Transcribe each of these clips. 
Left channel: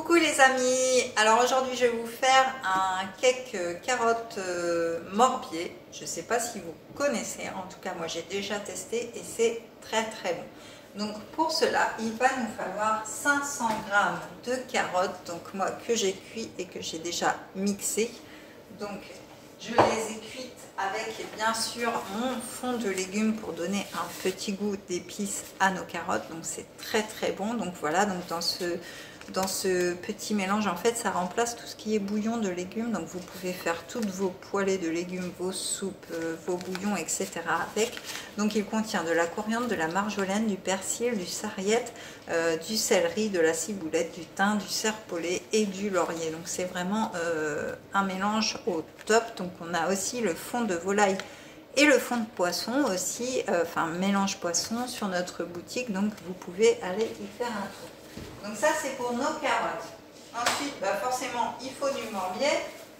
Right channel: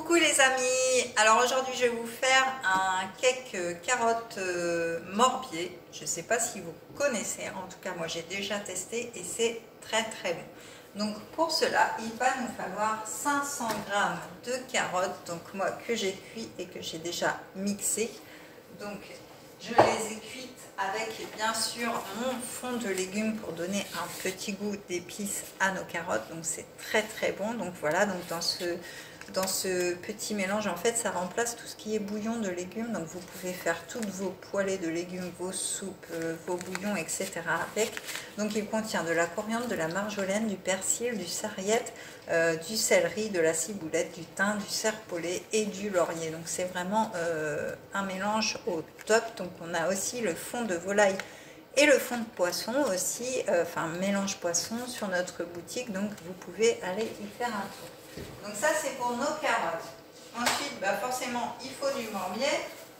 Coucou les amis, alors aujourd'hui je vais vous faire un cake carotte Morbier. Je ne sais pas si vous connaissez, en tout cas moi j'ai déjà testé et c'est très très bon. Donc pour cela il va nous falloir 500 g de carottes, donc moi que j'ai cuit et que j'ai déjà mixé. Donc je les ai cuites avec bien sûr mon fond de légumes pour donner un petit goût d'épices à nos carottes, donc c'est très très bon. Donc voilà, donc dans ce petit mélange en fait ça remplace tout ce qui est bouillon de légumes, donc vous pouvez faire toutes vos poêlées de légumes, vos soupes, vos bouillons etc. avec. Donc il contient de la coriandre, de la marjolaine, du persil, du sarriette, du céleri, de la ciboulette, du thym, du serpolet et du laurier. Donc c'est vraiment un mélange au top. Donc on a aussi le fond de volaille et le fond de poisson aussi, enfin mélange poisson sur notre boutique, donc vous pouvez aller y faire un tour. Donc ça c'est pour nos carottes. Ensuite forcément il faut du morbier,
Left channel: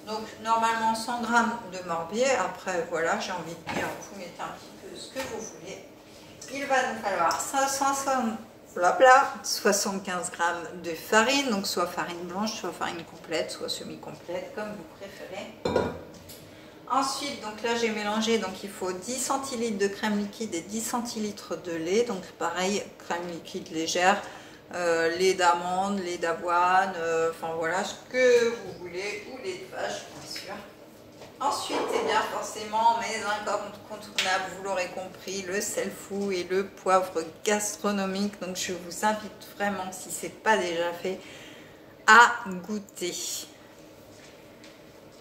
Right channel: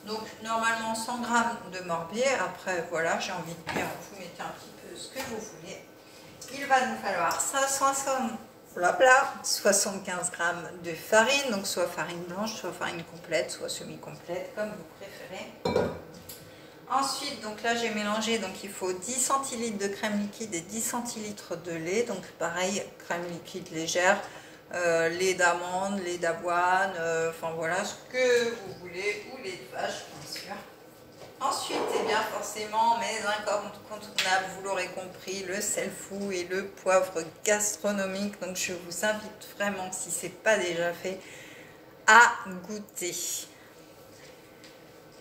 donc normalement 100 g de morbier. Après voilà, j'ai envie de dire vous mettez un petit peu ce que vous voulez. Il va nous falloir 75 g de farine, donc soit farine blanche, soit farine complète, soit semi-complète, comme vous préférez. Ensuite, donc là j'ai mélangé, donc il faut 10 centilitres de crème liquide et 10 centilitres de lait. Donc pareil, crème liquide légère, lait d'amande, lait d'avoine, enfin voilà ce que vous voulez, ou lait de vache bien sûr. Ensuite, et bien forcément, mes incontournables, vous l'aurez compris, le sel fou et le poivre gastronomique. Donc je vous invite vraiment, si ce n'est pas déjà fait, à goûter.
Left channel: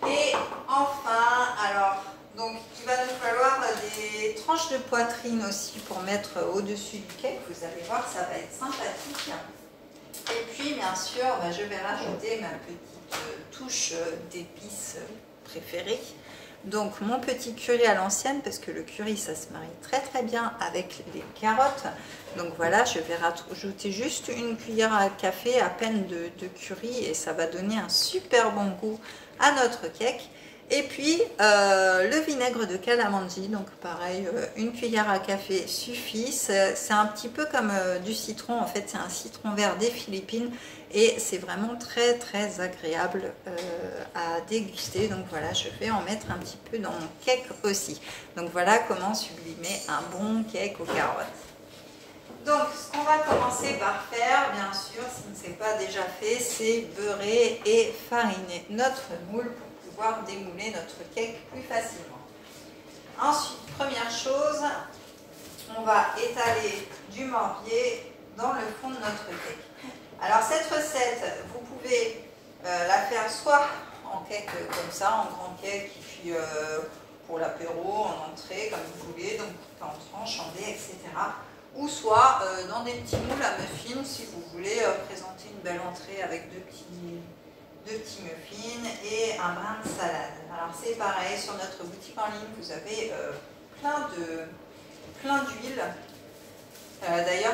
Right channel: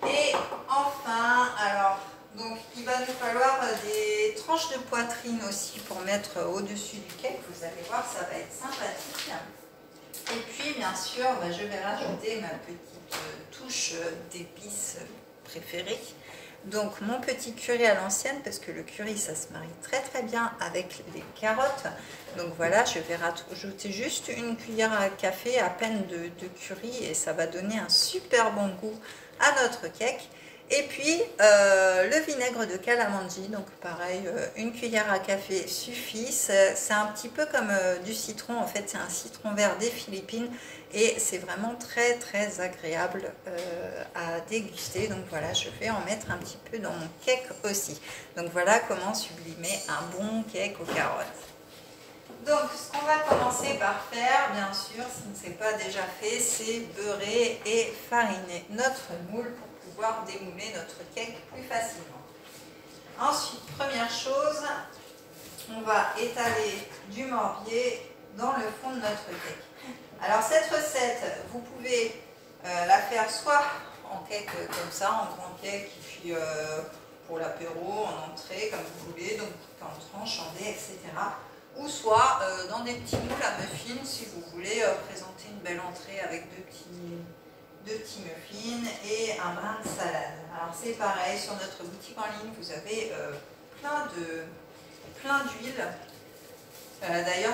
Et enfin, alors, donc il va nous falloir des tranches de poitrine aussi pour mettre au-dessus du cake. Vous allez voir, ça va être sympathique. Et puis, bien sûr, je vais rajouter ma petite touche d'épices préférée. Donc, mon petit curry à l'ancienne, parce que le curry, ça se marie très très bien avec les carottes. Donc voilà, je vais rajouter juste une cuillère à café à peine de curry et ça va donner un super bon goût à notre cake. Et puis le vinaigre de calamansi, donc pareil, une cuillère à café suffit. C'est un petit peu comme du citron, en fait c'est un citron vert des Philippines et c'est vraiment très très agréable à déguster. Donc voilà, je vais en mettre un petit peu dans mon cake aussi. Donc voilà comment sublimer un bon cake aux carottes. Donc, ce qu'on va commencer par faire, bien sûr, si ce n'est pas déjà fait, c'est beurrer et fariner notre moule pour pouvoir démouler notre cake plus facilement. Ensuite, première chose, on va étaler du morbier dans le fond de notre cake. Alors, cette recette, vous pouvez la faire soit en cake comme ça, en grand cake, puis pour l'apéro, en entrée, comme vous voulez, donc en tranche, en dés, etc. Ou soit dans des petits moules à muffins si vous voulez présenter une belle entrée avec deux petits muffins et un brin de salade. Alors c'est pareil, sur notre boutique en ligne vous avez plein d'huile. D'ailleurs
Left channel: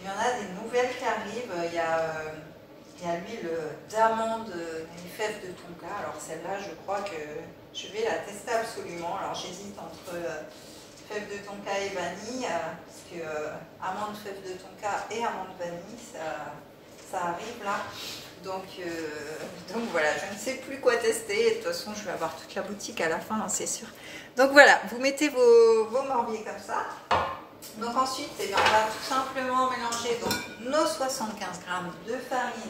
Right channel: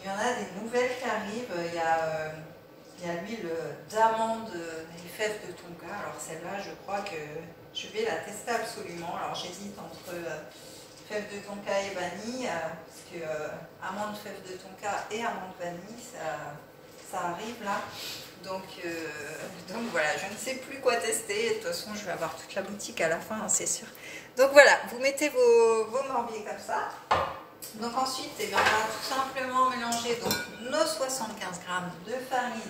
il y en a des nouvelles qui arrivent. Il y a l'huile d'amande et fèves de tonka. Alors celle-là je crois que je vais la tester absolument. Alors j'hésite entre fèves de tonka et vanille, parce que amande, fèves de tonka et amande vanille, ça arrive là. Donc voilà, je ne sais plus quoi tester. De toute façon, je vais avoir toute la boutique à la fin, hein, c'est sûr. Donc voilà, vous mettez vos morbiers comme ça. Donc ensuite, on va tout simplement mélanger donc, nos 75 g de farine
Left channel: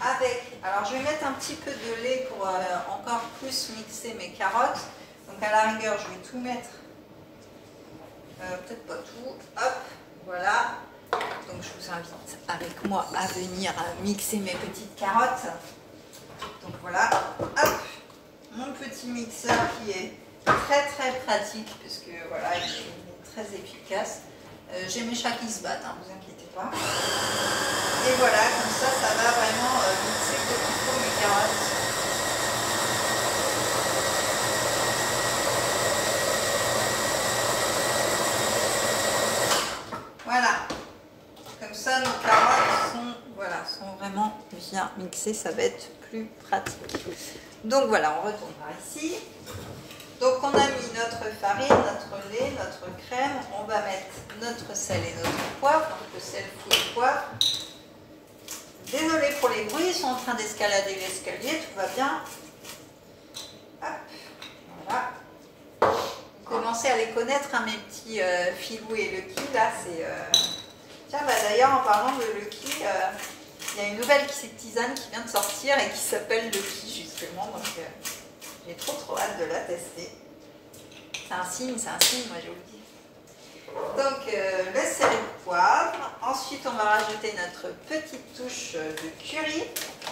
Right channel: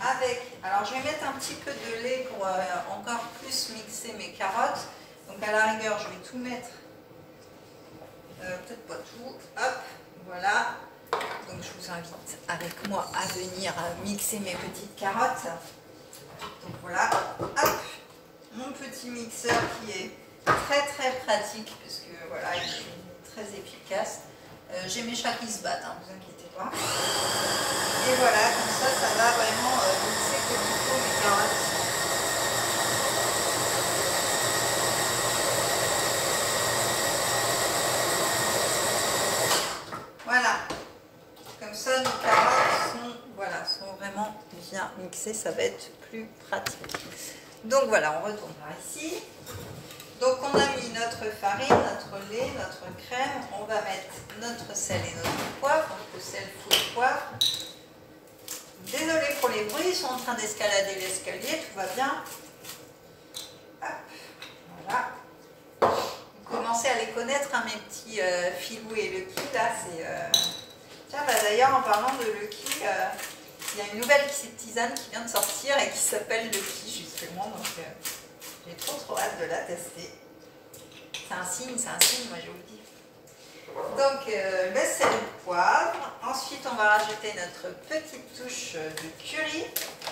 avec... Alors je vais mettre un petit peu de lait pour encore plus mixer mes carottes. Donc à la rigueur, je vais tout mettre. Peut-être pas tout, hop, voilà. Donc je vous invite avec moi à venir mixer mes petites carottes. Donc voilà, hop, mon petit mixeur qui est très très pratique parce que voilà, il est très efficace. J'ai mes chats qui se battent, hein, vous inquiétez pas. Et voilà, comme ça va vraiment mixer comme il faut mes carottes. Voilà, comme ça nos carottes sont vraiment bien mixées, ça va être plus pratique. Donc voilà, on retourne par ici. Donc on a mis notre farine, notre lait, notre crème, on va mettre notre sel et notre poivre, donc le sel, fou et poivre. Désolée pour les les bruits, ils sont en train d'escalader l'escalier, tout va bien. Hop, voilà. Vous commencez à les connaître, hein, mes petits Filou et Lucky, là, c'est... Tiens, bah, d'ailleurs, en parlant de Lucky, il y a une nouvelle tisane qui vient de sortir et qui s'appelle Lucky, justement, donc j'ai trop hâte de la tester. C'est un signe, moi je vous le dis. Donc, le sel et le poivre. Ensuite, on va rajouter notre petite touche de curry.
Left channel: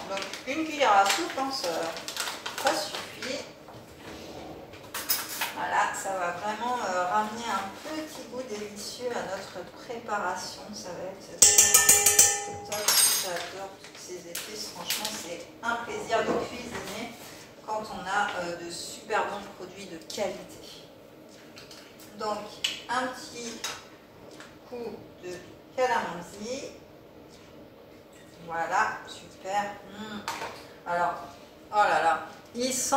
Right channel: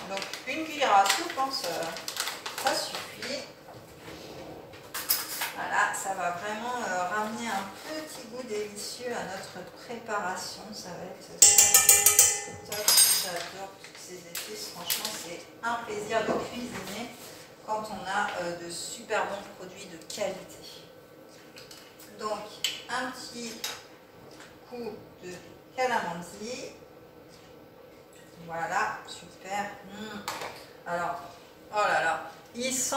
Donc, une cuillère à soupe, hein, ça suffit. Voilà, ça va vraiment ramener un petit goût délicieux à notre préparation. Ça va être top. J'adore toutes ces épices. Franchement, c'est un plaisir de cuisiner quand on a de super bons produits de qualité. Donc, un petit coup de calamansi. Voilà, super. Alors, oh là là, il sent,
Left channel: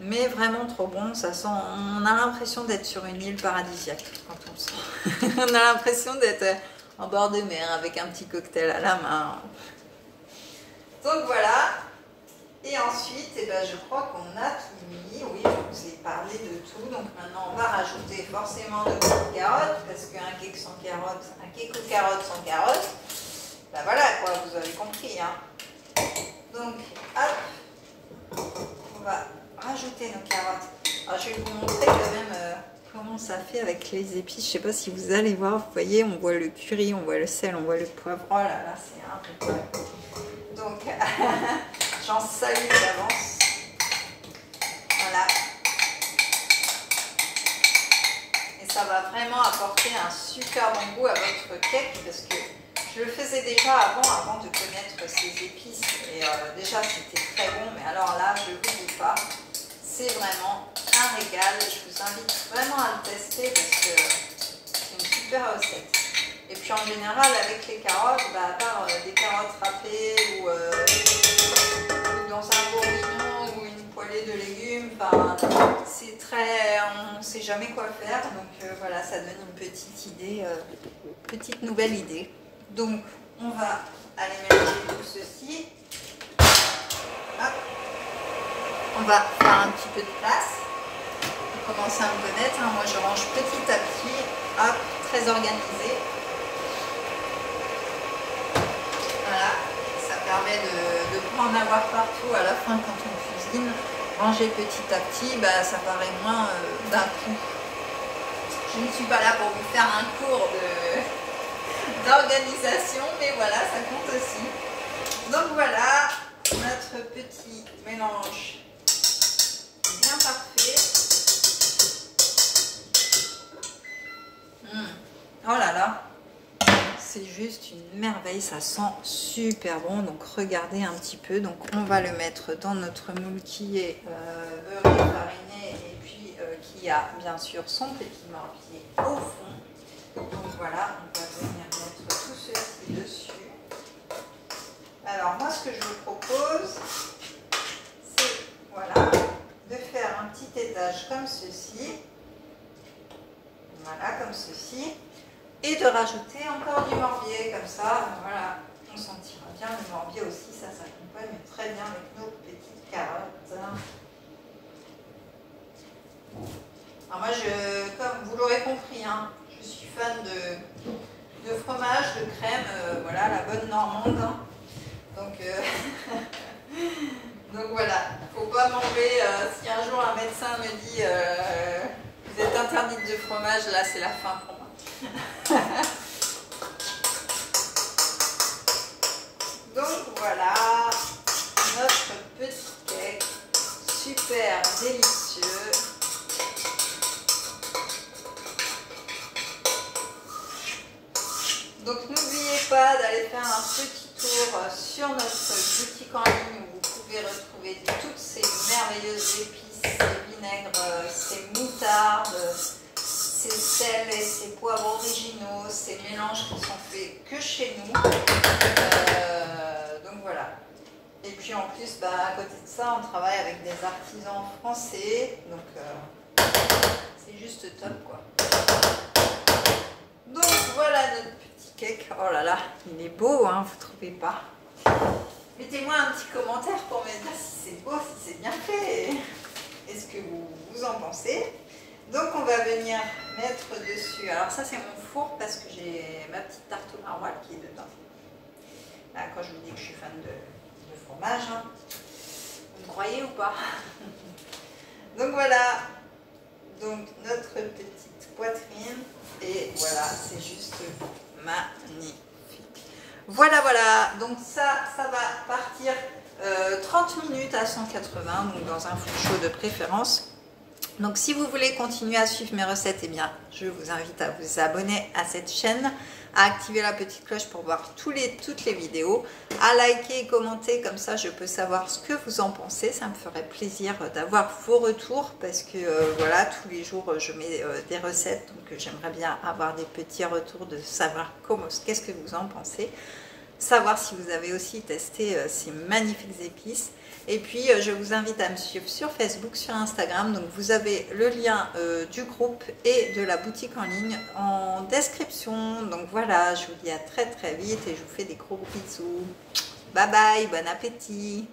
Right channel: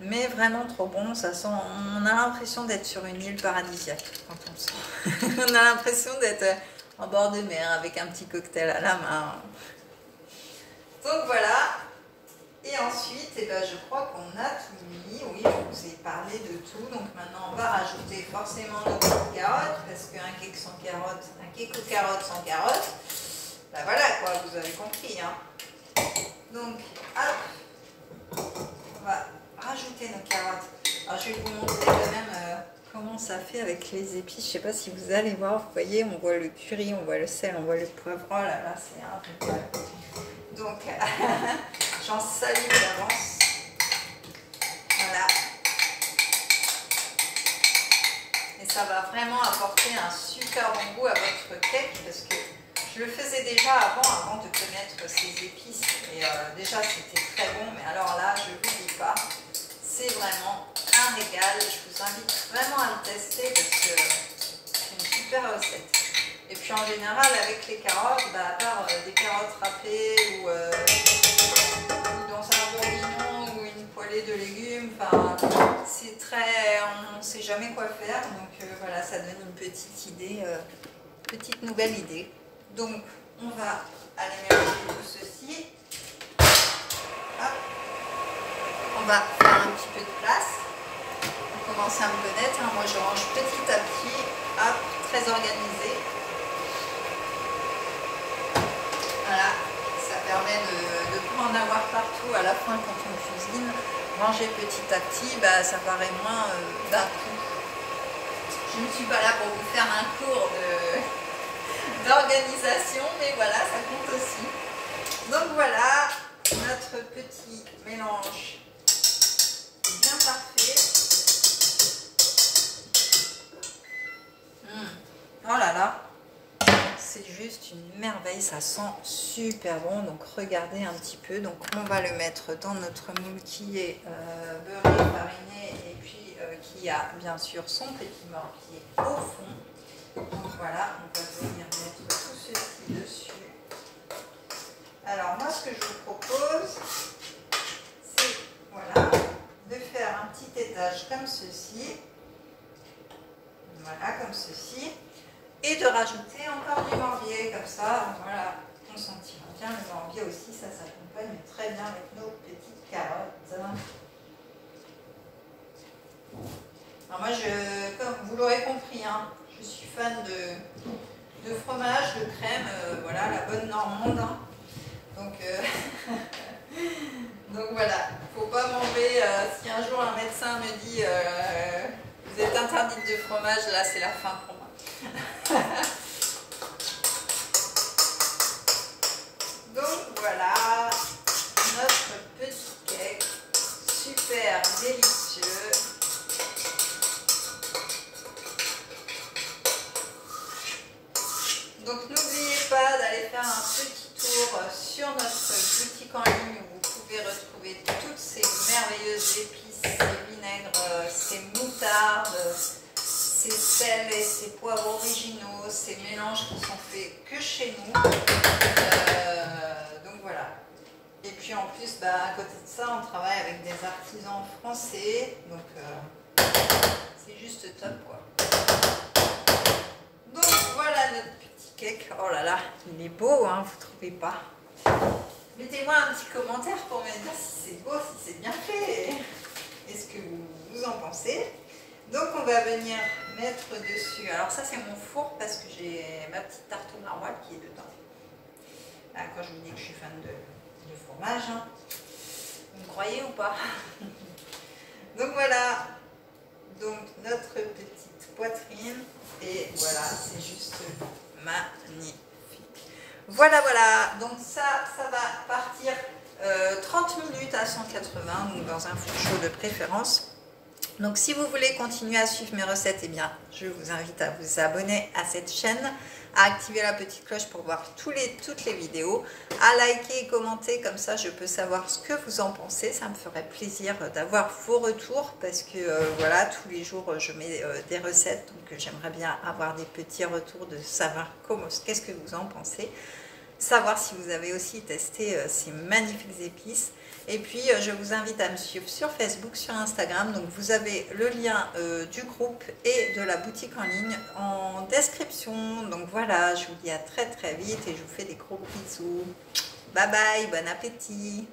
mais vraiment trop bon. Ça sent, on a l'impression d'être sur une île paradisiaque quand on sent. On a l'impression d'être en bord de mer avec un petit cocktail à la main. Donc voilà. Et ensuite, eh ben, je crois qu'on a tout mis. Oui, je vous ai parlé de tout. Donc maintenant, on va rajouter forcément nos petites carottes. Parce qu'un cake sans carottes, un cake aux carottes sans carottes, ben voilà quoi, vous avez compris. Hein. Donc, hop, on va rajouter nos carottes. Alors, je vais vous montrer quand même comment ça fait avec les épices. Je ne sais pas si vous allez voir. Vous voyez, on voit le curry, on voit le sel, on voit le poivre. Oh là là, c'est un régal. Donc, j'en salue d'avance. Voilà. Et ça va vraiment apporter un super bon goût à votre cake parce que je le faisais déjà avant de connaître ces épices. Et déjà, c'était très bon. Mais alors là, je ne vous dis pas, c'est vraiment un régal. Je vous invite vraiment à le tester parce que c'est une super recette. Et puis en général, avec les carottes, bah, à part des carottes râpées ou dans un bourguignon ou une poêlée de légumes, c'est très, on ne sait jamais quoi faire. Donc voilà, ça donne une petite idée, petite nouvelle idée. Donc on va aller mélanger tout ceci. Hop. On va faire un petit peu de place. Pour commencer à me connaître, hein. Moi je range petit à petit, hop, très organisé. Voilà, ça permet de ne pas en avoir partout à la fin quand on cuisine. Ranger petit à petit, bah, ça paraît moins d'un coup. Je ne suis pas là pour vous faire un cours d'organisation, mais voilà, ça compte aussi. Donc voilà, notre petit mélange bien parfait. Oh là là! C'est juste une merveille, ça sent super bon. Donc regardez un petit peu. Donc on va le mettre dans notre moule qui est beurré, fariné et puis qui a bien sûr son petit mortier au fond. Donc voilà, on va venir mettre tout ceci dessus. Alors moi ce que je vous propose, c'est voilà, de faire un petit étage comme ceci. Voilà, comme ceci. Et de rajouter encore du morbier, comme ça, voilà, on sentira bien le morbier aussi, ça s'accompagne très bien avec nos petites carottes. Alors moi, comme vous l'aurez compris, hein, je suis fan de fromage, de crème, voilà, la bonne normande. Hein. Donc, donc voilà, il ne faut pas manger, si un jour un médecin me dit vous êtes interdite de fromage, là c'est la fin pour moi. Donc voilà notre petit cake super délicieux. Donc n'oubliez pas d'aller faire un petit tour sur notre boutique en ligne où vous pouvez retrouver toutes ces merveilleuses épices, ces vinaigres, ces moutardes, ces sels et ces poivres originaux, ces mélanges qui sont faits que chez nous. Donc voilà. Et puis en plus, bah, à côté de ça, on travaille avec des artisans français. Donc c'est juste top quoi. Donc voilà notre petit cake. Oh là là, il est beau, hein, vous trouvez pas? Mettez Mettez-moi un petit commentaire pour me dire si c'est beau, si c'est bien fait. Et ce que vous en pensez. Donc on va venir mettre dessus. Alors ça c'est mon four parce que j'ai ma petite tarte au maroilles qui est dedans. Là, quand je vous dis que je suis fan de fromage, hein. Vous me croyez ou pas? Donc voilà. Donc notre petite poitrine. Et voilà, c'est juste magnifique. Voilà, voilà. Donc ça va partir 30 minutes à 180, donc dans un four chaud de préférence. Donc si vous voulez continuer à suivre mes recettes, eh bien, je vous invite à vous abonner à cette chaîne, à activer la petite cloche pour voir toutes les vidéos, à liker et commenter, comme ça je peux savoir ce que vous en pensez. Ça me ferait plaisir d'avoir vos retours parce que voilà, tous les jours je mets des recettes, donc j'aimerais bien avoir des petits retours de savoir qu'est-ce que vous en pensez, savoir si vous avez aussi testé ces magnifiques épices. Et puis, je vous invite à me suivre sur Facebook, sur Instagram. Donc, vous avez le lien du groupe et de la boutique en ligne en description. Donc, voilà, je vous dis à très très vite et je vous fais des gros bisous. Bye bye, bon appétit!